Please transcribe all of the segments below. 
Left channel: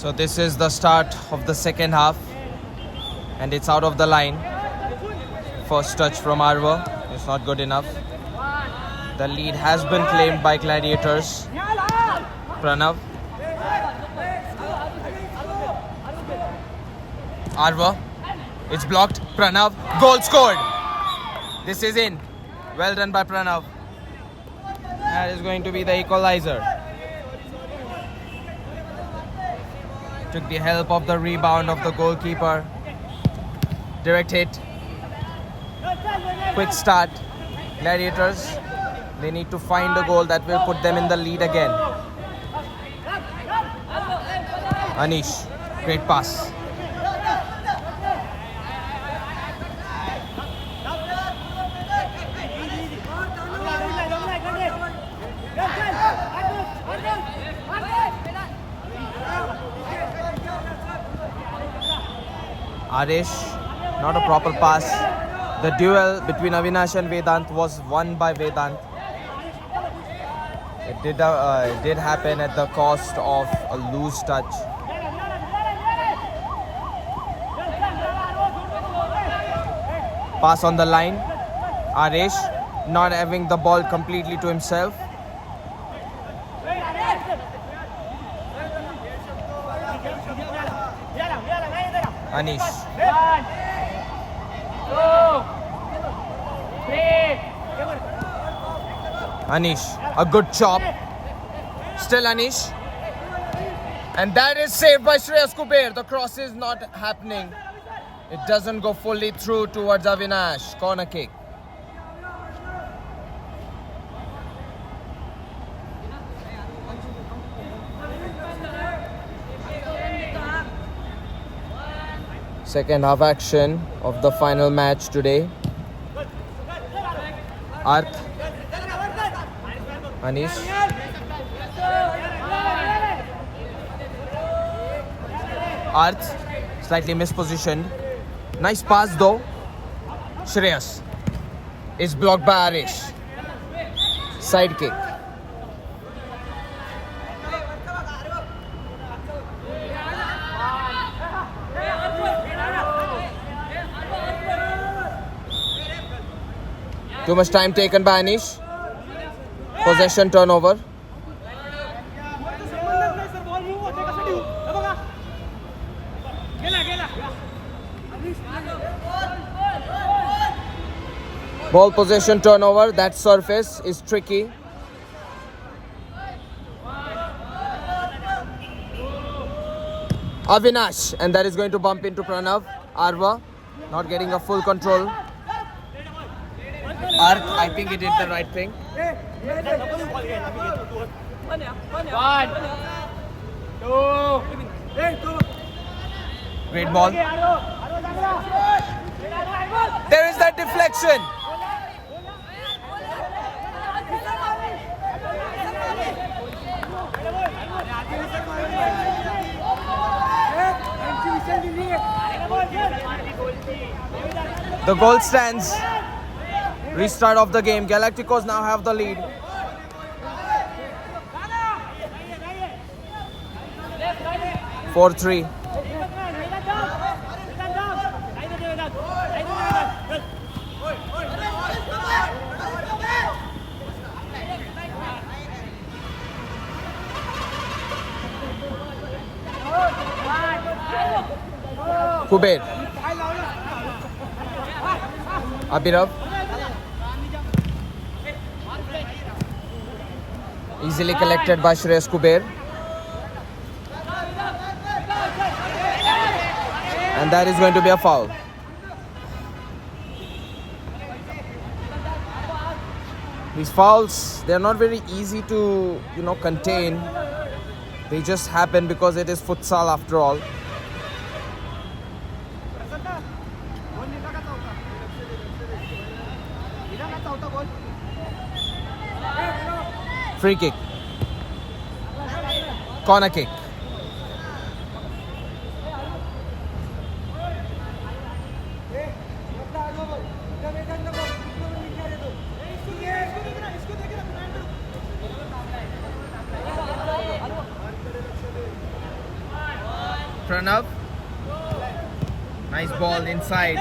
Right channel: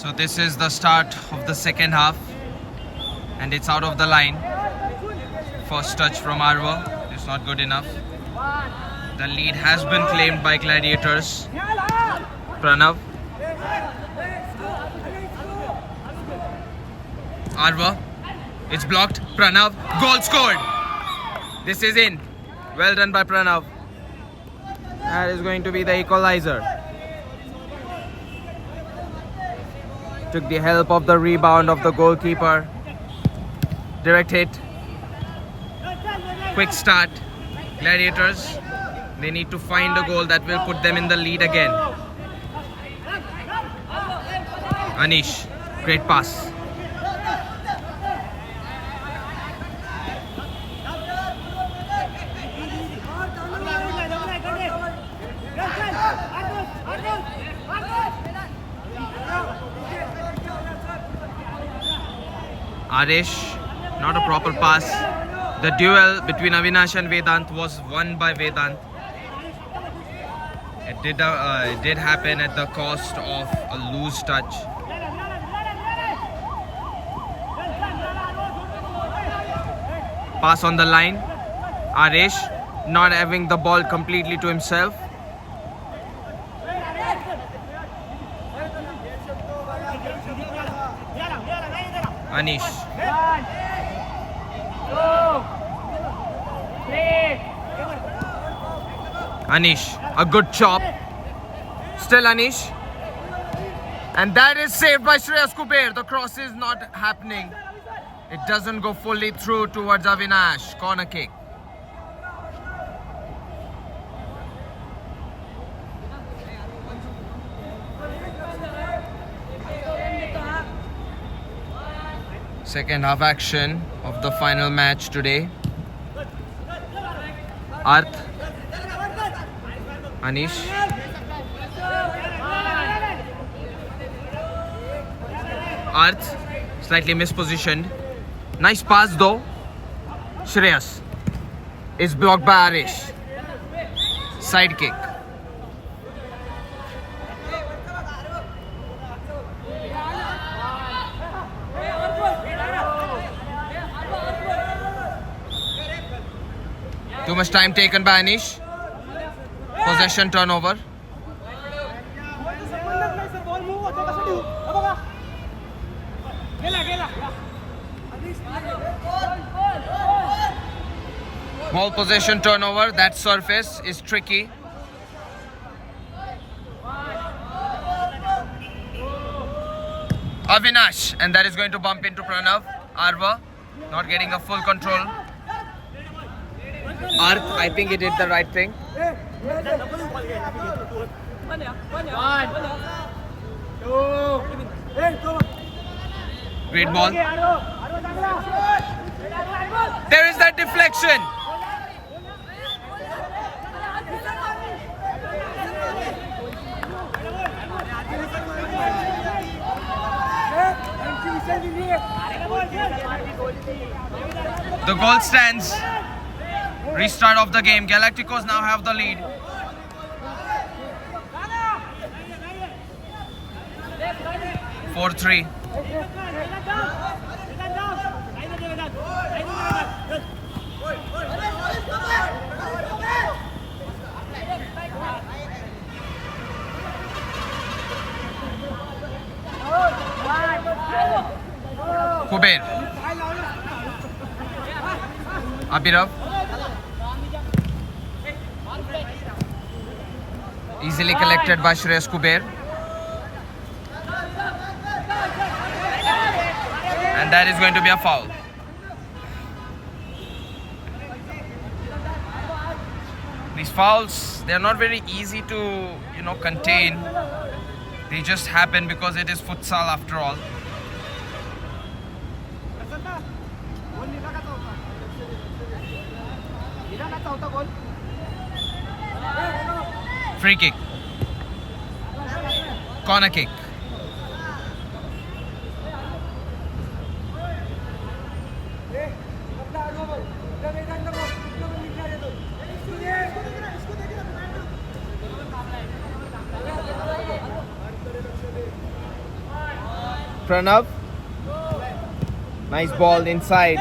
So this is the start of the second half and it's out of the line. First touch from Arvo. It's not good enough. The lead has been claimed by Gladiators. Pranav. Arvo. It's blocked. Pranav. Goal scored. This is in. Well done by Pranav. That is going to be the equalizer. Took the help of the rebound of the goalkeeper. Direct hit. Quick start. Gladiators, they need to find a goal that will put them in the lead again. Anish, great pass. Arish, not a proper pass. The duel between Avinash and Vedant was won by Vedant. It did happen at the cost of a loose touch. Pass on the line. Arish not having the ball completely to himself. Anish. 1, 2, 3. Anish, a good chop. Still Anish. And that is saved by Shreyas Kuber. The cross is not happening. It doesn't go fully through towards Avinash. Corner kick. Second half action of the final match today. Arth. Anish. Arth. Slightly mispositioned. Nice pass though. Shreyas is blocked by Arish. Side kick. Too much time taken by Anish. Possession turnover. Ball possession turnover. That surface is tricky. Avinash, and that is going to bump into Pranav. Arva not getting a full control. Arth, I think he did the right thing. 1, 2. Great ball. There is that deflection. The goal stands. Restart of the game. Galacticos now have the lead. Four 3. Kuber. Abhirav. Easily collected by Shreyas Kuber. And that is going to be a foul. These fouls, they're not very easy to, contain. They just happen because it is futsal after all. Free kick. Corner kick. Pranav. Nice ball inside.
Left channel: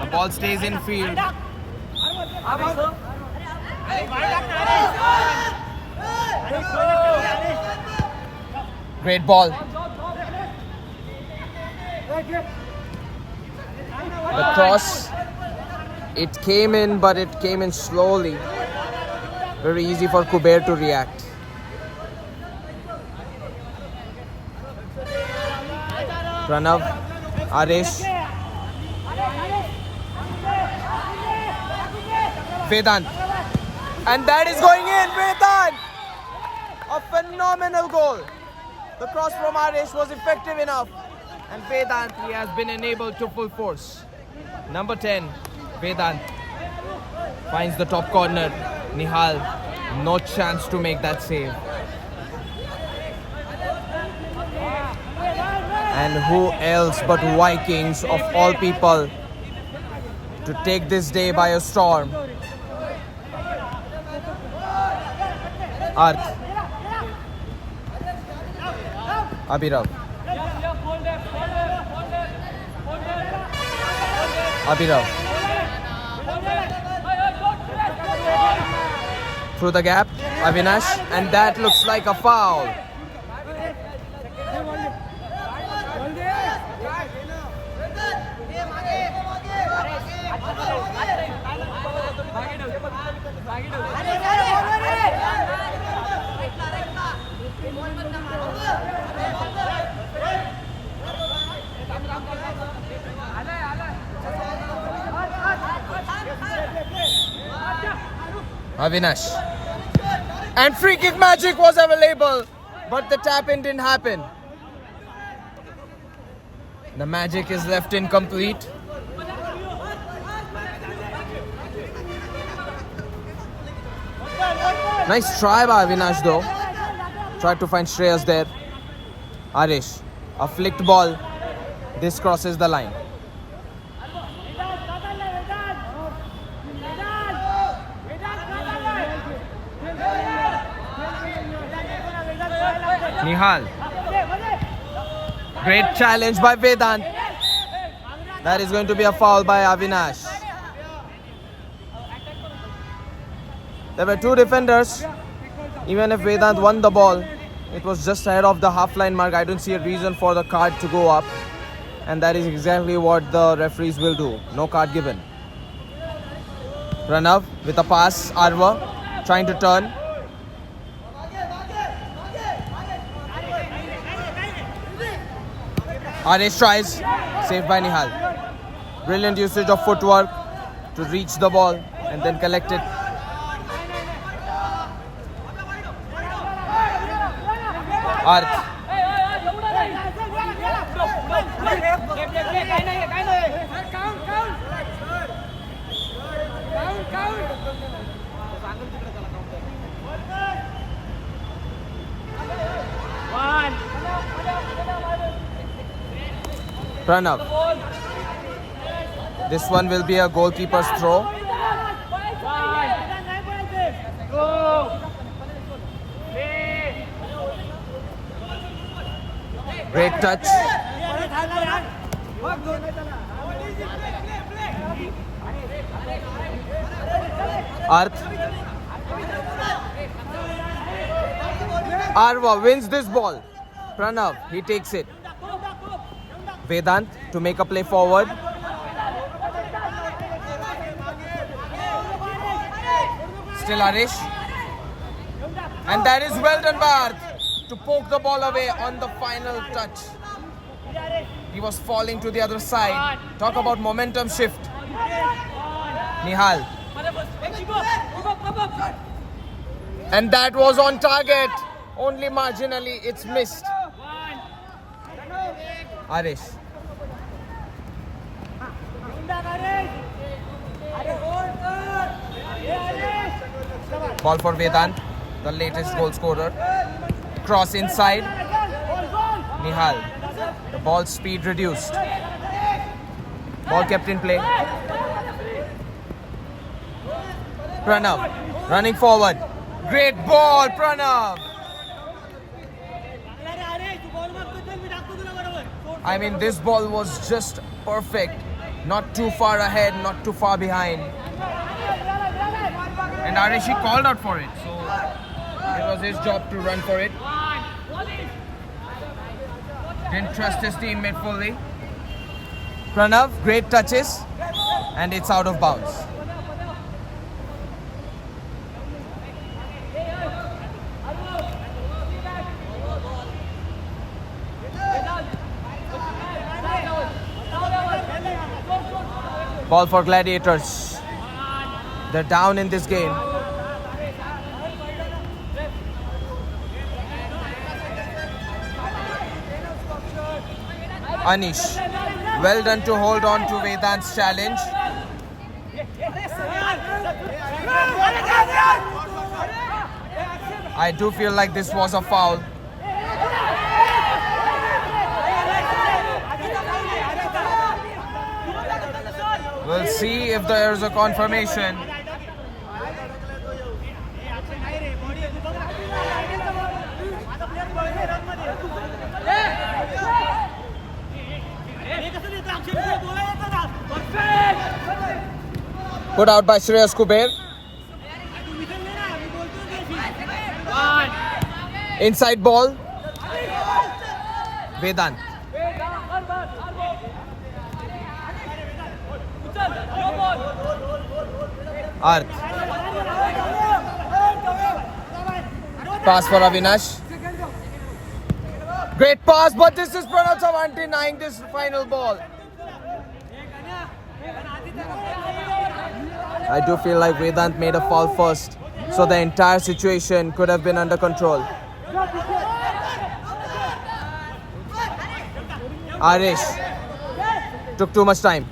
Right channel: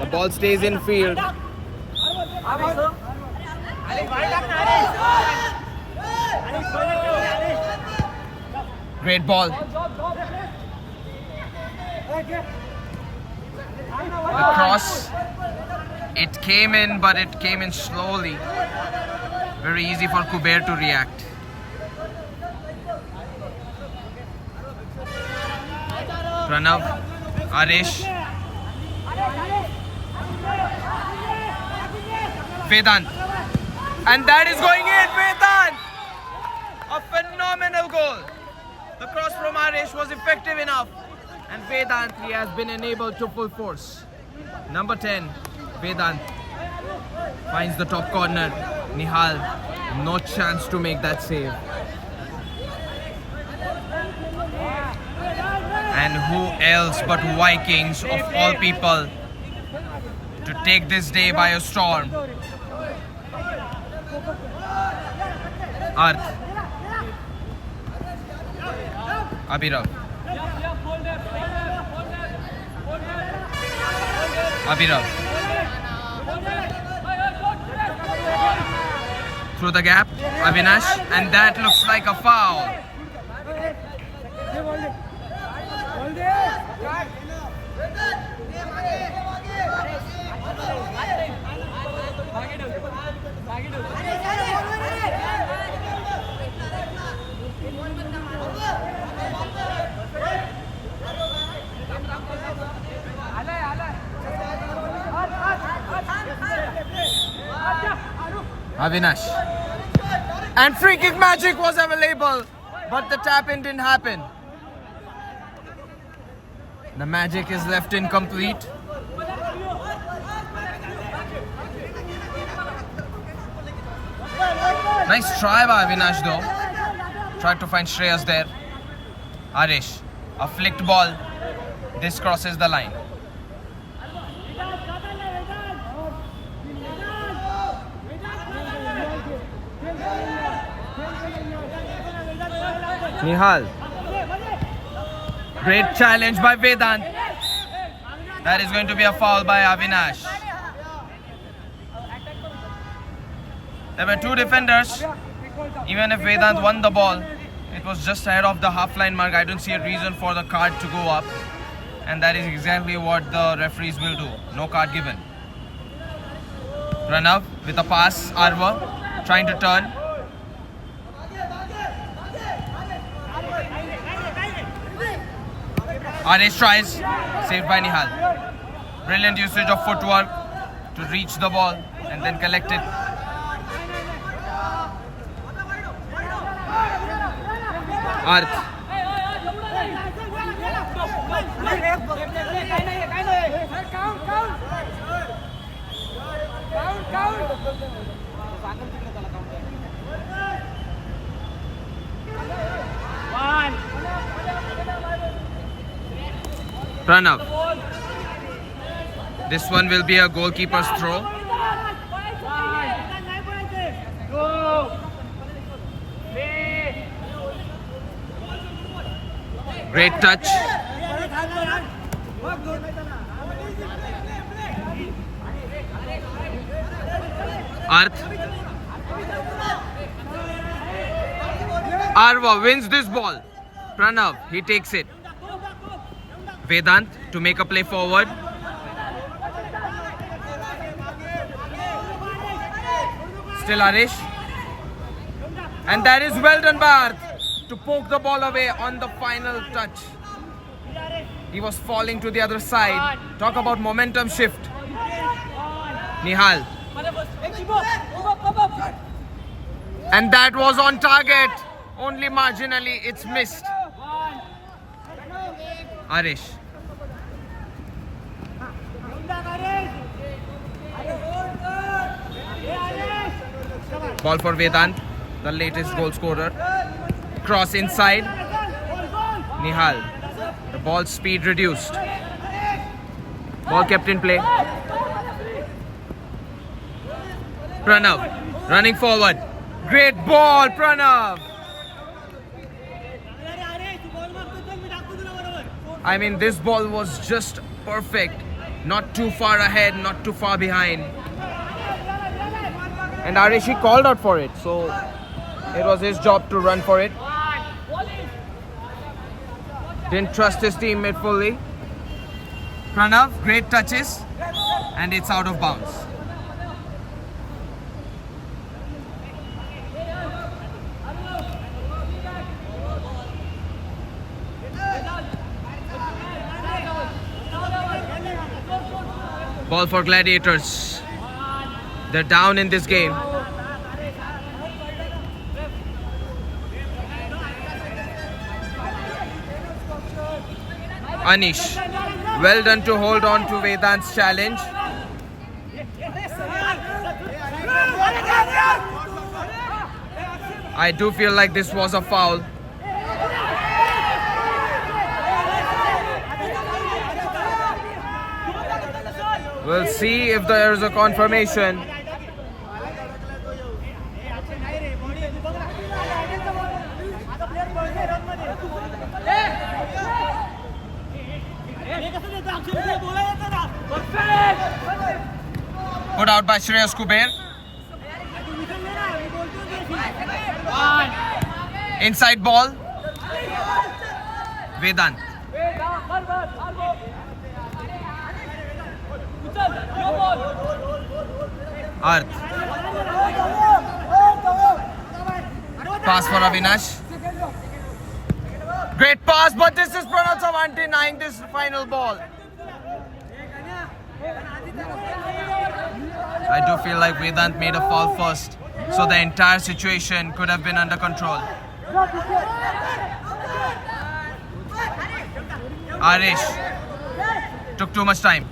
The ball stays in field. Great ball. The cross. It came in, but it came in slowly. Very easy for Kuber to react. Pranav, Arish, Vedant, and that is going in. Vedant, a phenomenal goal. The cross from Arish was effective enough, and Vedant, he has been enabled to full force. Number 10, Vedant finds the top corner. Nihal, no chance to make that save. And who else but Vikings of all people to take this day by a storm? Arth, Abhirav, through the gap, Avinash, and that looks like a foul. Avinash, and free kick magic was available, but the tap in didn't happen. The magic is left incomplete. Nice try by Avinash though. Tried to find Shreyas there. Arish, a flicked ball. This crosses the line. Nihal. Great challenge by Vedant. That is going to be a foul by Avinash. There were two defenders. Even if Vedant won the ball, it was just ahead of the half-line mark. I don't see a reason for the card to go up. And that is exactly what the referees will do. No card given. Pranav with a pass. Arva trying to turn. Arish tries, saved by Nihal. Brilliant usage of footwork to reach the ball and then collect it. Arth. Pranav. This one will be a goalkeeper's throw. Great touch. Arth. Arva wins this ball. Pranav, he takes it. Vedant to make a play forward. Still Arish. And that is well done by Arth to poke the ball away on the final touch. He was falling to the other side. Talk about momentum shift. Nihal. And that was on target. Only marginally it's missed. Arish. Ball for Vedant, the latest goal scorer. Cross inside. Nihal. The ball speed reduced. Ball kept in play. Pranav running forward. Great ball, Pranav. I mean, this ball was just perfect. Not too far ahead, not too far behind. And Arishi called out for it, so it was his job to run for it. Didn't trust his teammate fully. Pranav, great touches, and it's out of bounds. Ball for Gladiators. They're down in this game. Anish, well done to hold on to Vedant's challenge. I do feel like this was a foul. We'll see if there's a confirmation. Put out by Shreyas Kuber. Inside ball. Vedant. Arth. Pass for Avinash. Great pass, but this is Pranav Chavan denying this final ball. I do feel like Vedant made a foul first, so the entire situation could have been under control. Arish took too much time.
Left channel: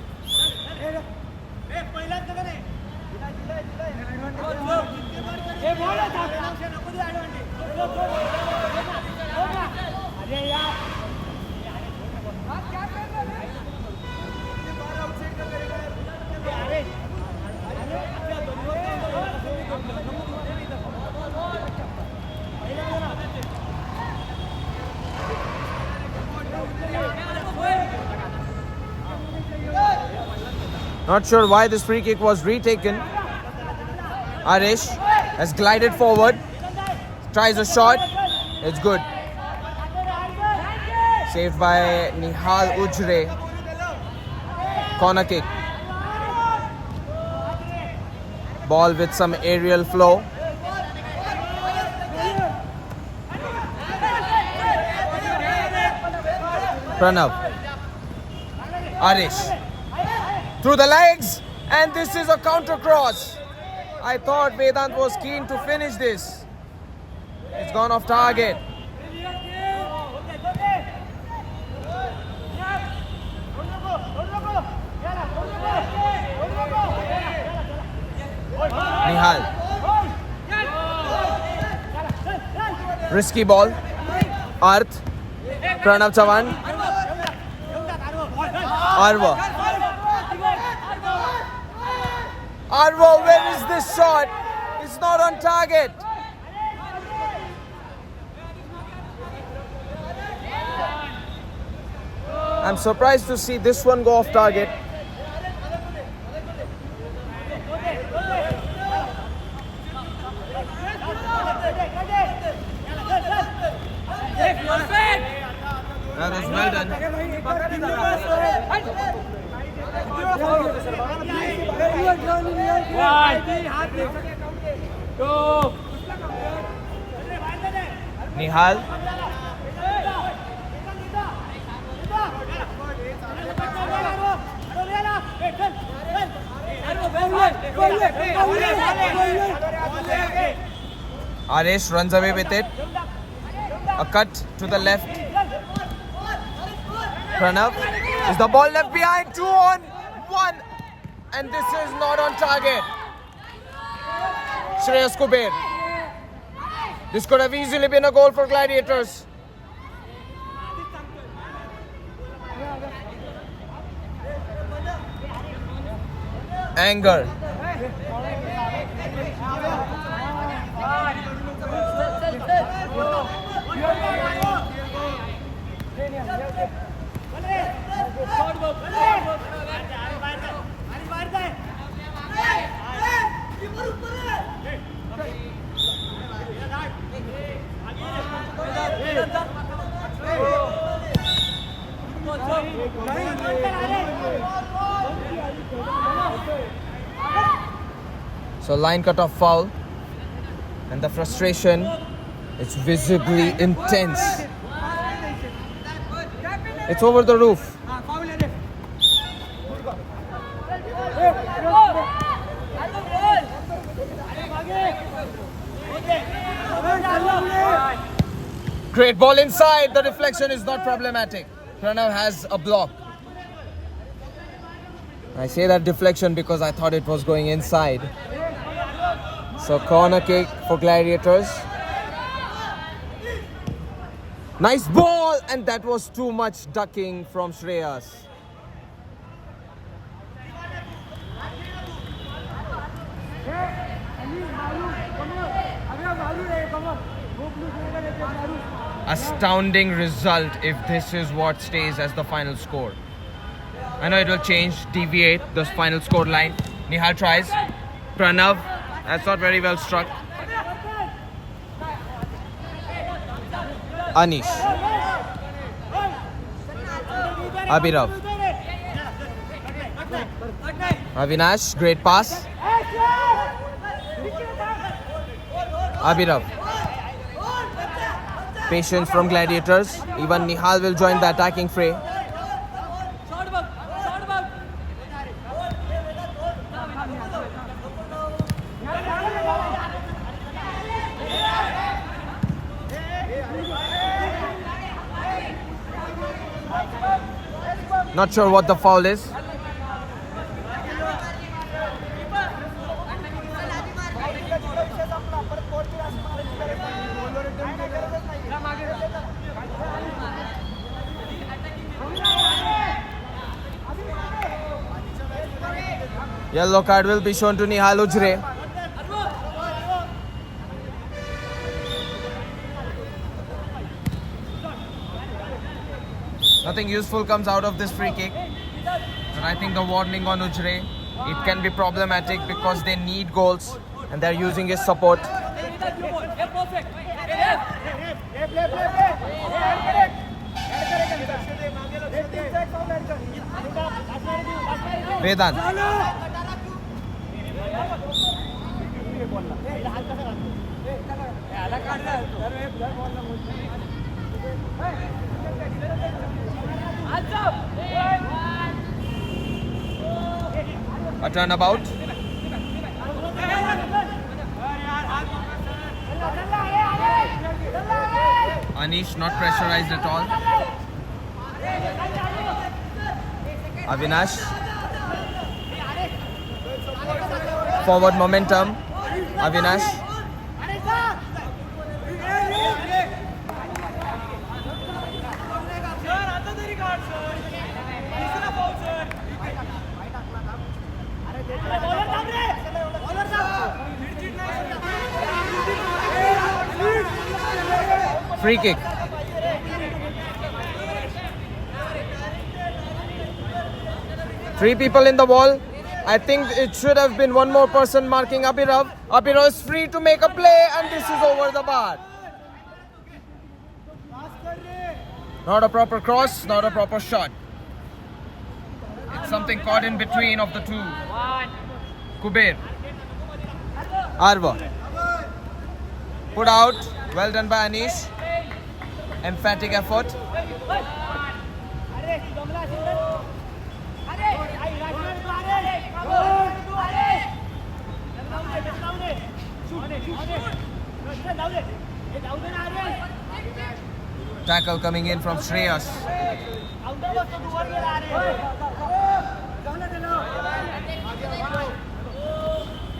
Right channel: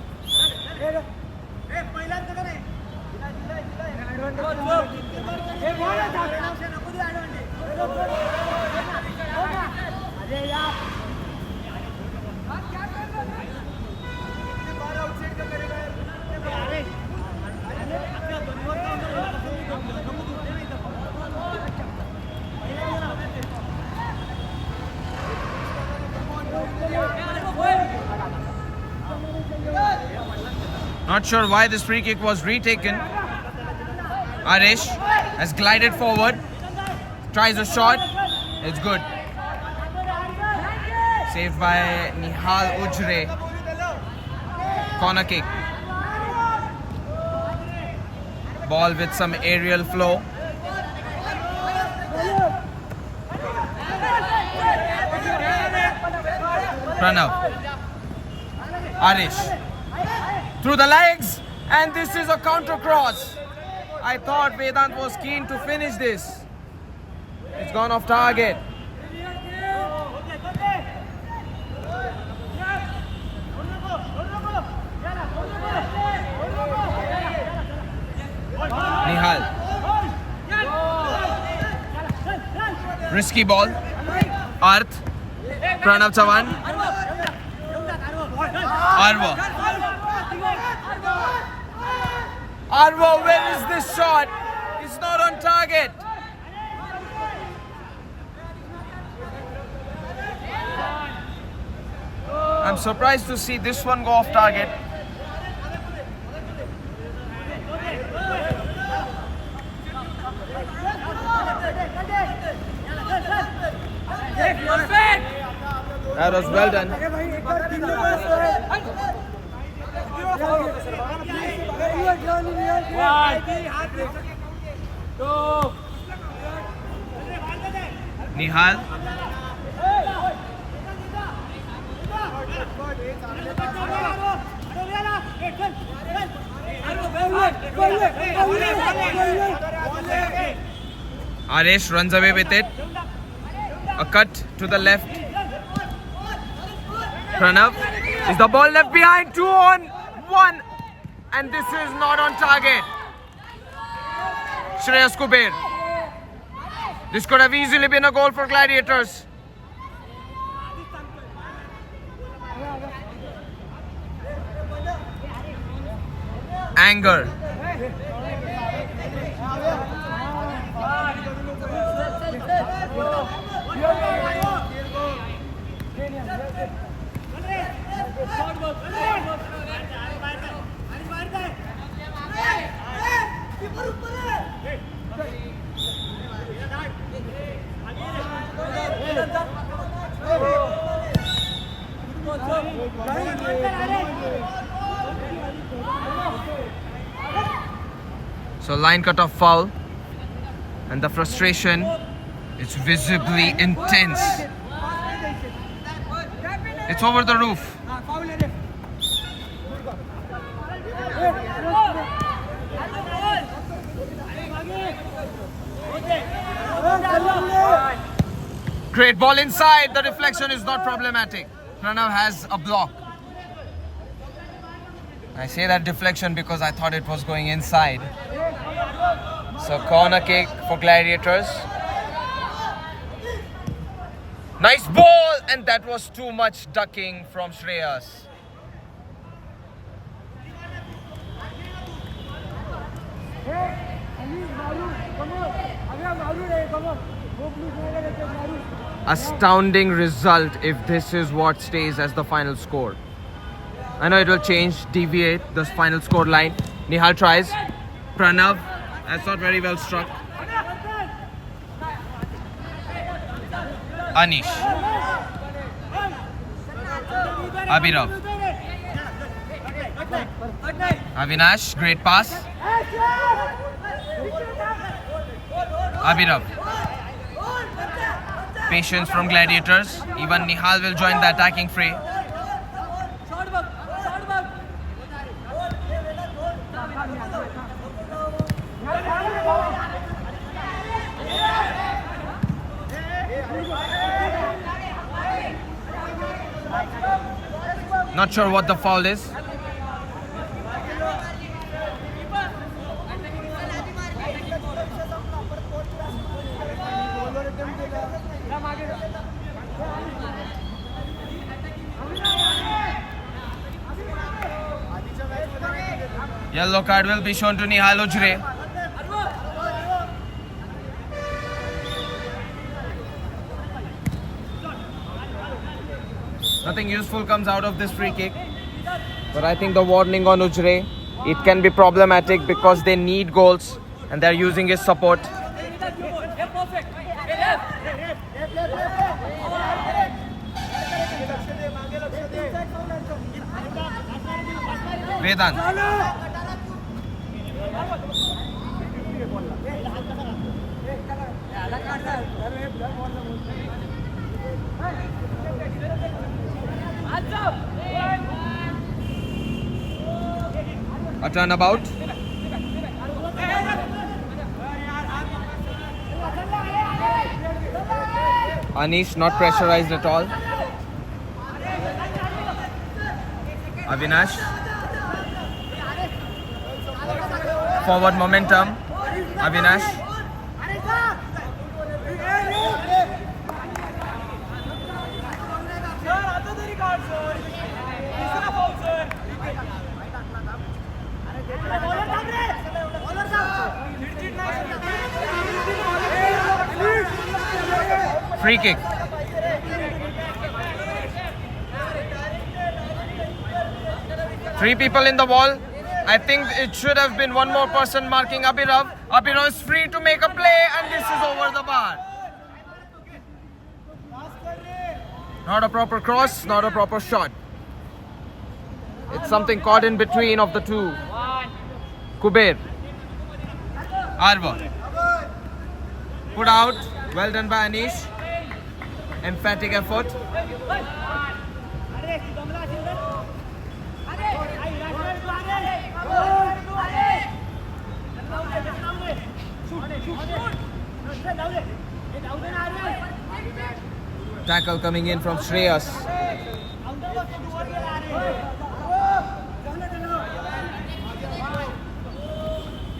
Not sure why this free kick was retaken. Arish has glided forward, tries a shot, it's good. Saved by Nihal Ujre. Corner kick. Ball with some aerial flow. Pranav. Arish. Through the legs, and this is a counter cross. I thought Vedant was keen to finish this. It's gone off target. Nihal. Risky ball. Arth. Pranav Chavan. Arvo. Arvo, where is this shot? It's not on target. I'm surprised to see this one go off target. That was well done. Nihal. Arish runs away with it. A cut to the left. Pranav. Is the ball left behind? 2 on 1. And this is not on target. Shreyas Kuber. This could have easily been a goal for Gladiators. Anger. So line cut off foul, and the frustration is visibly intense. It's over the roof. Great ball inside. The deflection is not problematic. Pranav has a block. I say that deflection because I thought it was going inside. So corner kick for Gladiators. Nice ball, and that was too much ducking from Shreyas. Astounding result if this is what stays as the final score. I know it will change, deviate the final score line. Nihal tries. Pranav, that's not very well struck. Anish. Abhirav. Avinash, great pass. Abhirav. Patience from Gladiators. Even Nihal will join the attacking fray. Not sure what the foul is. Yellow card will be shown to Nihal Ujre. Nothing useful comes out of this free kick. But I think the warning on Ujre, it can be problematic because they need goals and they're using his support. Vedant. A turnabout. Anish not pressurized at all. Avinash. Forward momentum. Avinash. Free kick. Three people in the wall. I think it should have been one more person marking Abhirav. Abhirav is free to make a play, and this is over the bar. Not a proper cross, not a proper shot. It's something caught in between of the two. Kuber. Arva. Put out. Well done by Anish. Emphatic effort. Tackle coming in from Shreyas.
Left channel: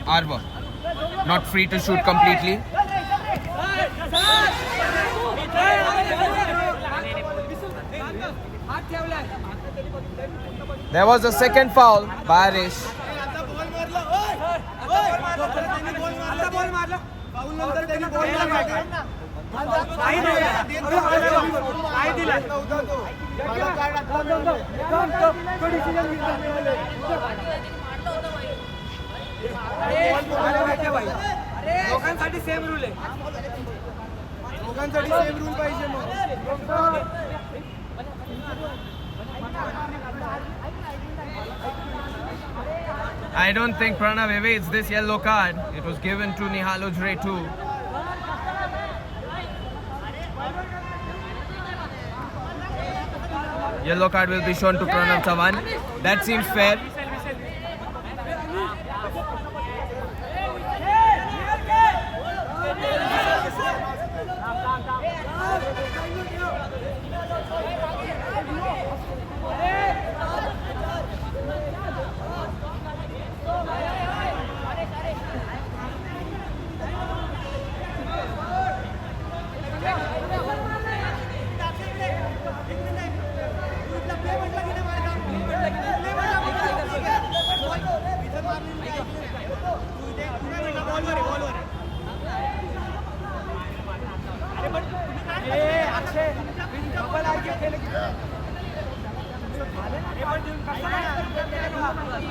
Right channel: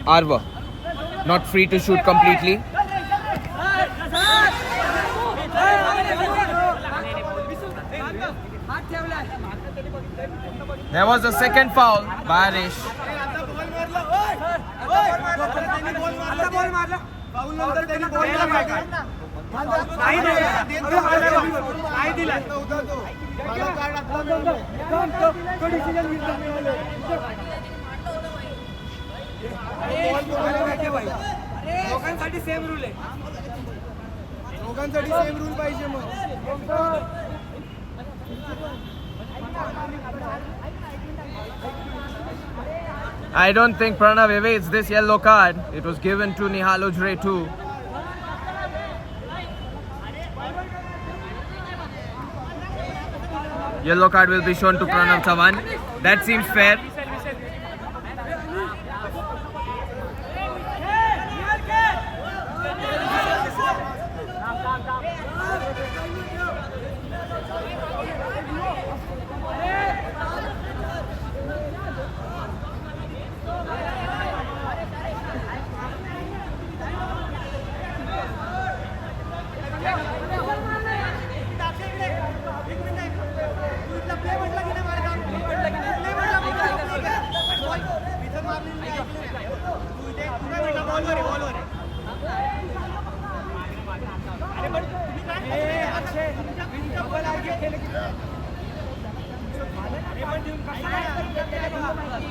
Arva. Not free to shoot completely. There was a second foul by Anish. दोघांसाठी same rule आहे. दोघांसाठी same rule पाहिजे मग. I don't think Pranav evades this yellow card. It was given to Nihal Ujre too. Yellow card will be shown to Pranav Chavan. That seems fair.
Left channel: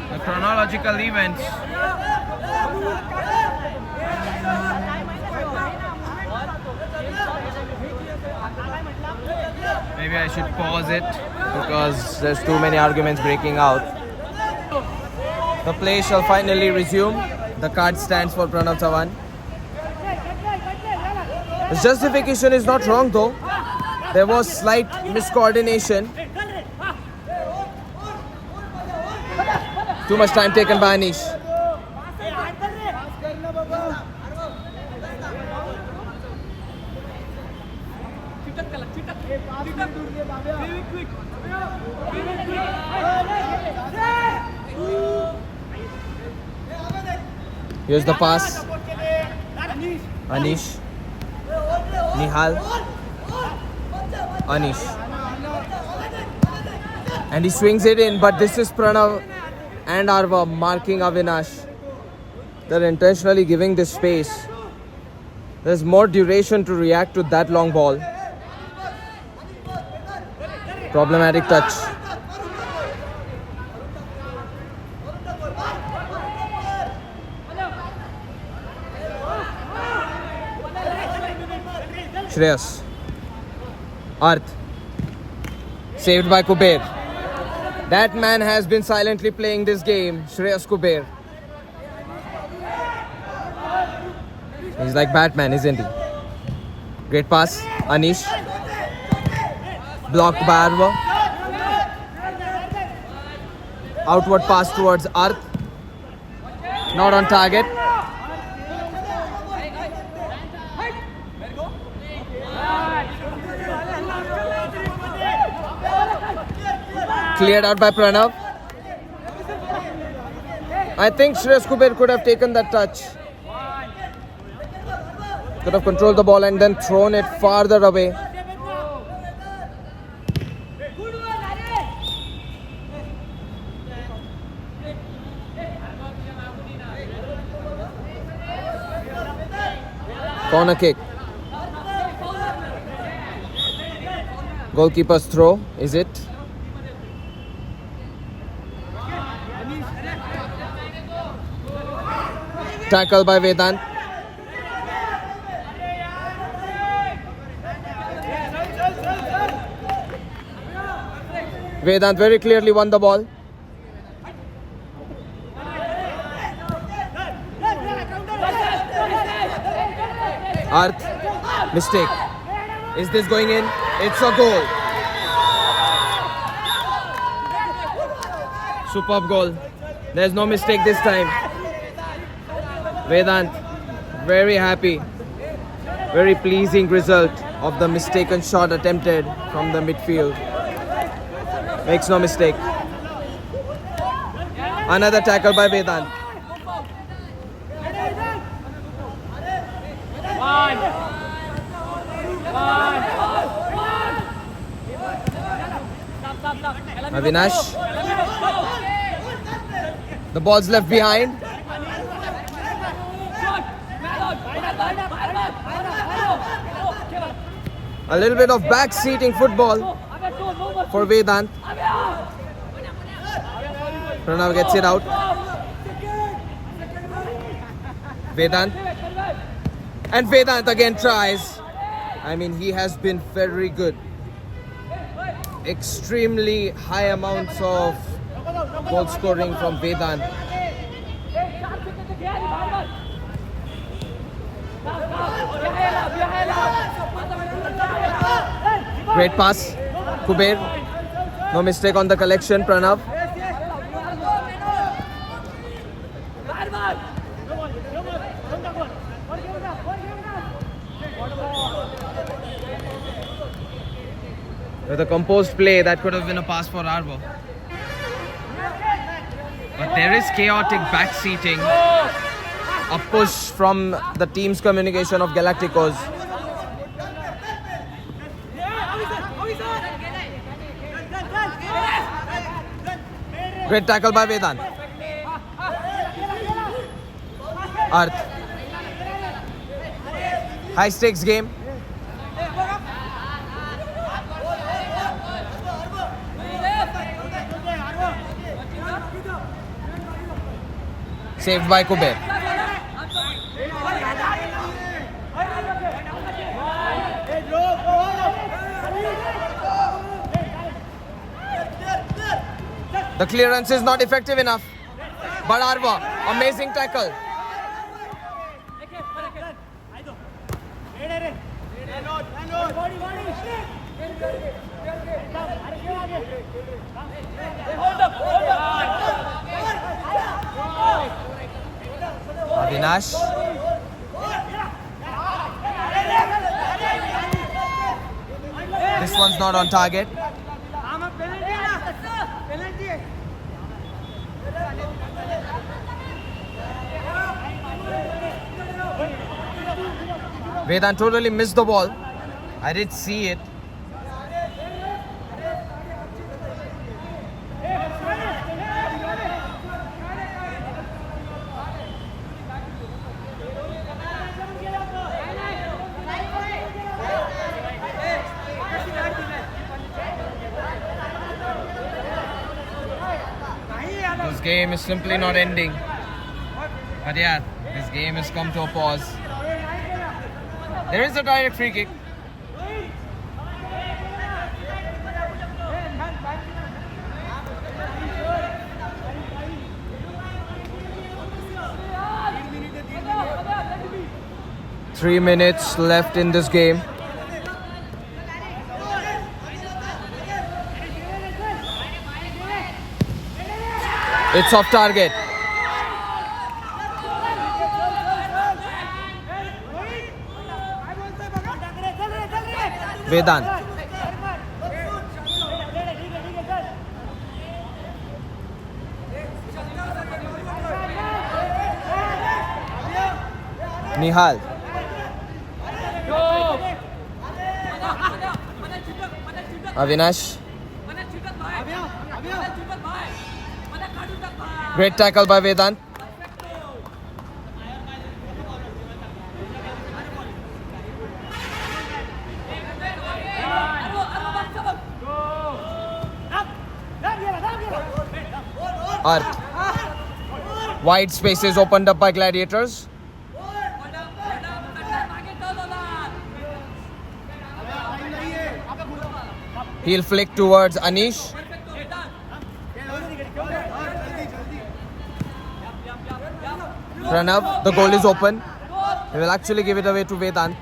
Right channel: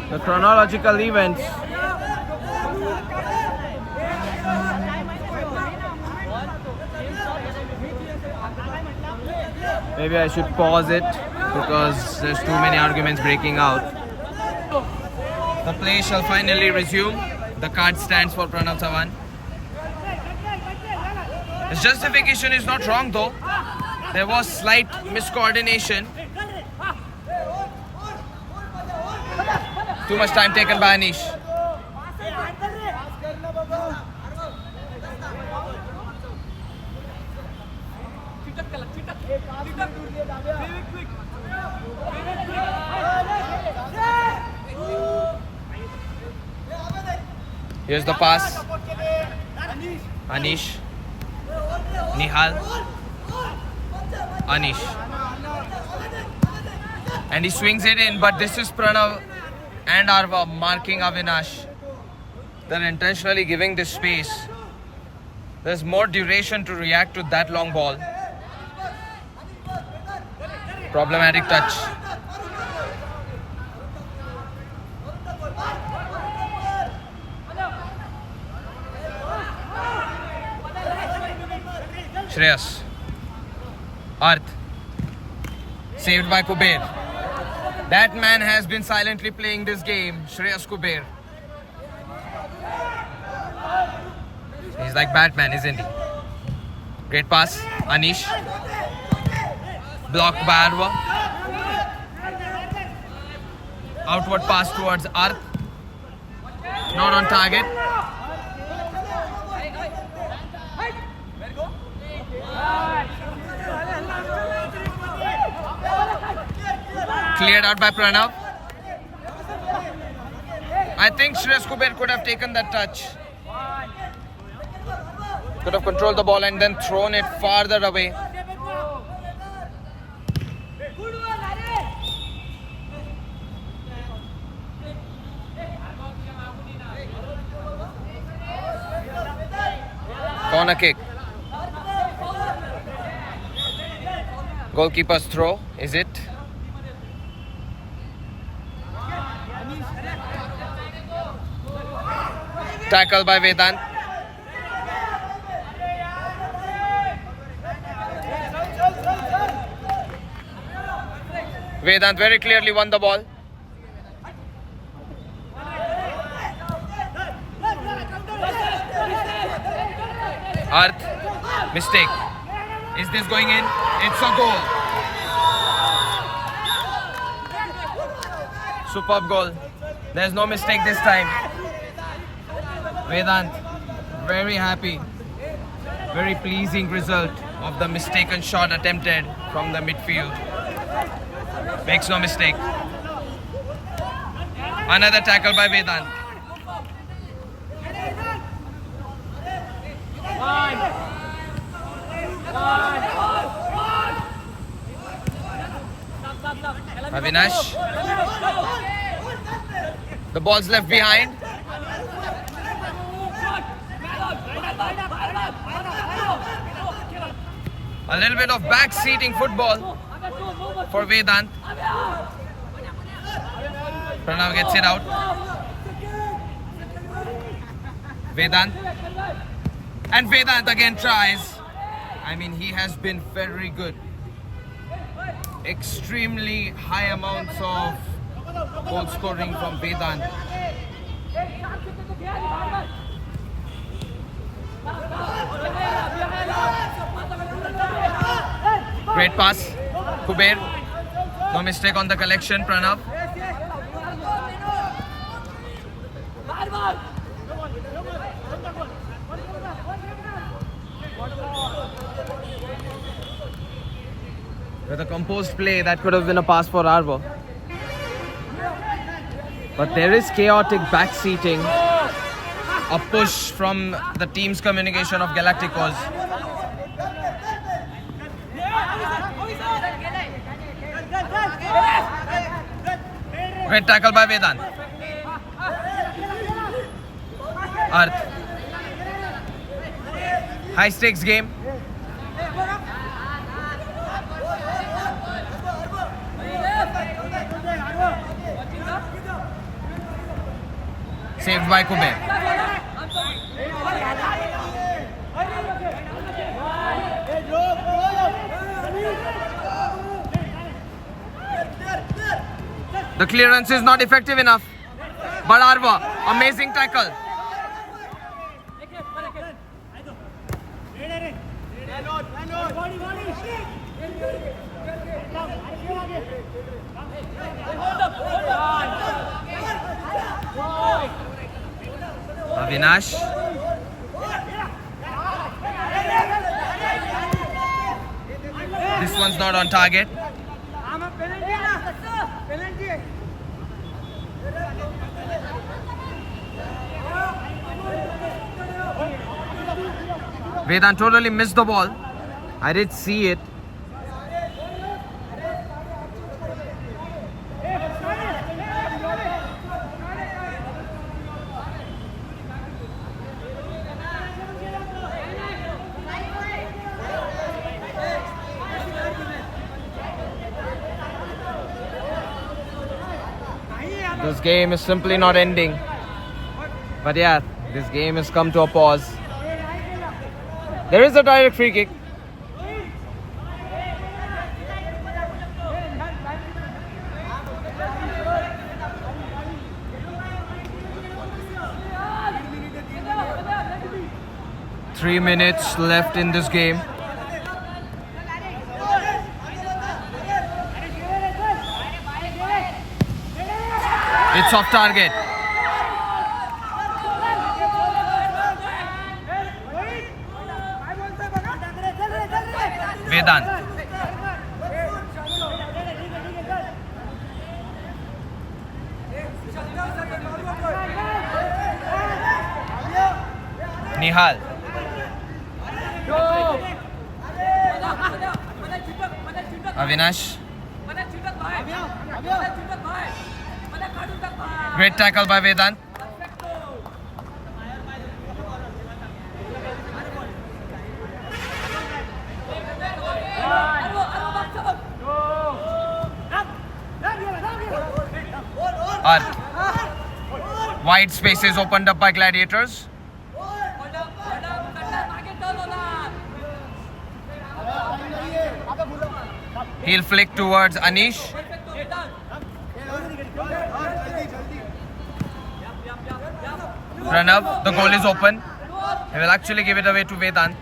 The chronological events. Maybe I should pause it because there's too many arguments breaking out. The play shall finally resume. The card stands for Pranav Chavan. His justification is not wrong though. There was slight miscoordination. Too much time taken by Anish. Here's the pass. Anish. Nihal. Anish. And he swings it in, but this is Pranav and Arva marking Avinash. They're intentionally giving this space. There's more duration to react to that long ball. Problematic touch. Shreyas. Arth. Saved by Kuber. That man has been silently playing this game, Shreyas Kuber. He's like Batman, isn't he? Great pass, Anish. Blocked by Arva. Outward pass towards Arth. Not on target. Cleared out by Pranav. I think Shreyas Kuber could have taken that touch. Could have controlled the ball and then thrown it farther away. Corner kick. Goalkeeper's throw, is it? Tackle by Vedant. Vedant very clearly won the ball. Arth, mistake. Is this going in? It's a goal. Superb goal. There's no mistake this time. Vedant, very happy. Very pleasing result of the mistaken shot attempted from the midfield. Makes no mistake. Another tackle by Vedant. Avinash. The ball's left behind. A little bit of back-seating football. for Vedant. Pranav gets it out. Vedant. And Vedant again tries. I mean, he has been very good. Extremely high amounts of goal scoring from Vedant. Great pass. Kuber. No mistake on the collection, Pranav. With a composed play, that could have been a pass for Arvo. But there is chaotic backseating. A push from the team's communication of Galacticos. Great tackle by Vedant. Arth. High stakes game. Saved by Kuber. The clearance is not effective enough. But Arva, amazing tackle. Avinash. This one's not on target. Vedant totally missed the ball. I did see it. This game is simply not ending. But yeah, this game has come to a pause. There is a direct free kick. Three minutes left in this game. It's off target. Vedant. Nihal. Avinash. Great tackle by Vedant. Arth. Wide spaces opened up by Gladiators. He'll flick towards Anish. Pranav, the goal is open. He will actually give it away to Vedant.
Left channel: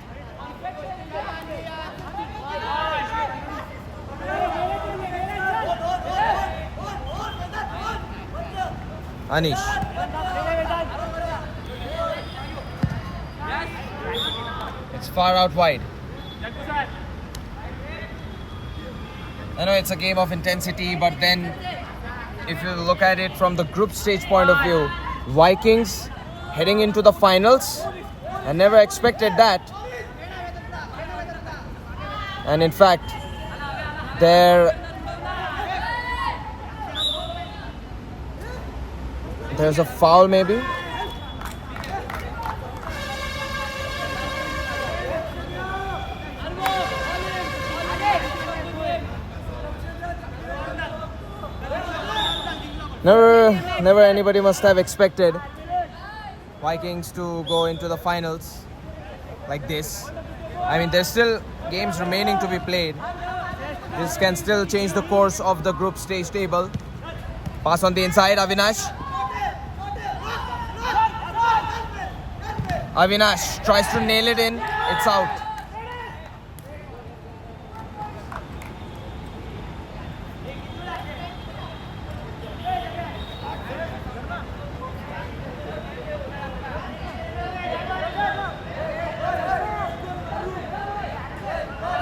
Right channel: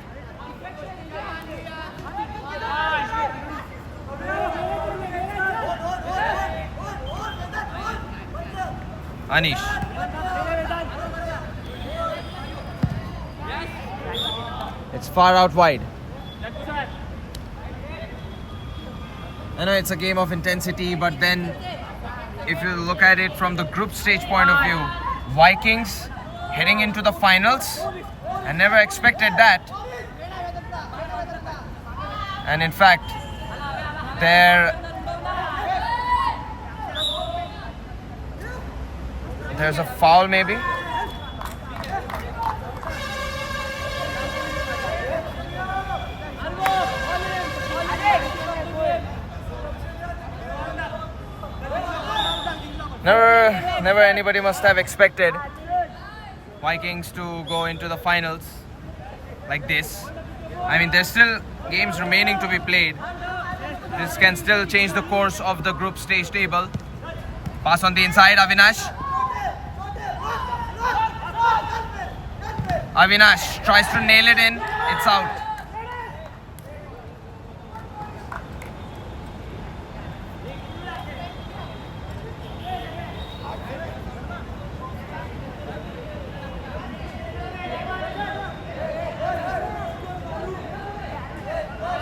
Anish. It's far out wide. I know it's a game of intensity, but then if you look at it from the group stage point of view, Vikings heading into the finals, I never expected that. And in fact, there's a foul maybe. Never anybody must have expected Vikings to go into the finals like this. I mean, there's still games remaining to be played. This can still change the course of the group stage table. Pass on the inside, Avinash. Avinash tries to nail it in. It's out.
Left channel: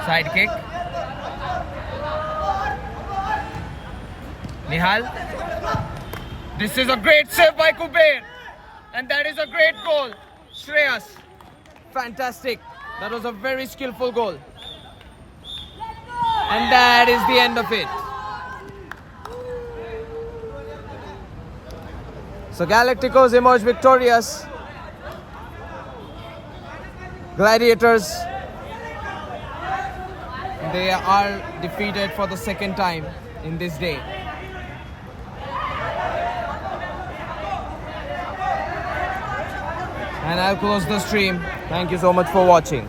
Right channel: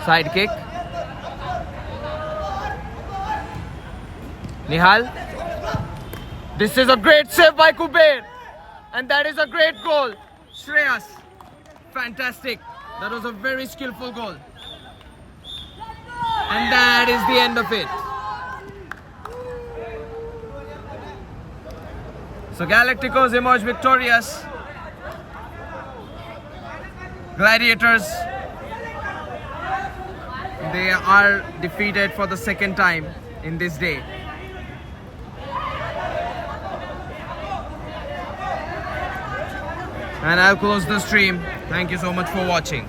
Side kick. Nihal. This is a great save by Kuber. And that is a great goal. Shreyas. Fantastic. That was a very skillful goal. And that is the end of it. So Galacticos emerge victorious. Gladiators, they are defeated for the second time in this day. And I'll close the stream. Thank you so much for watching.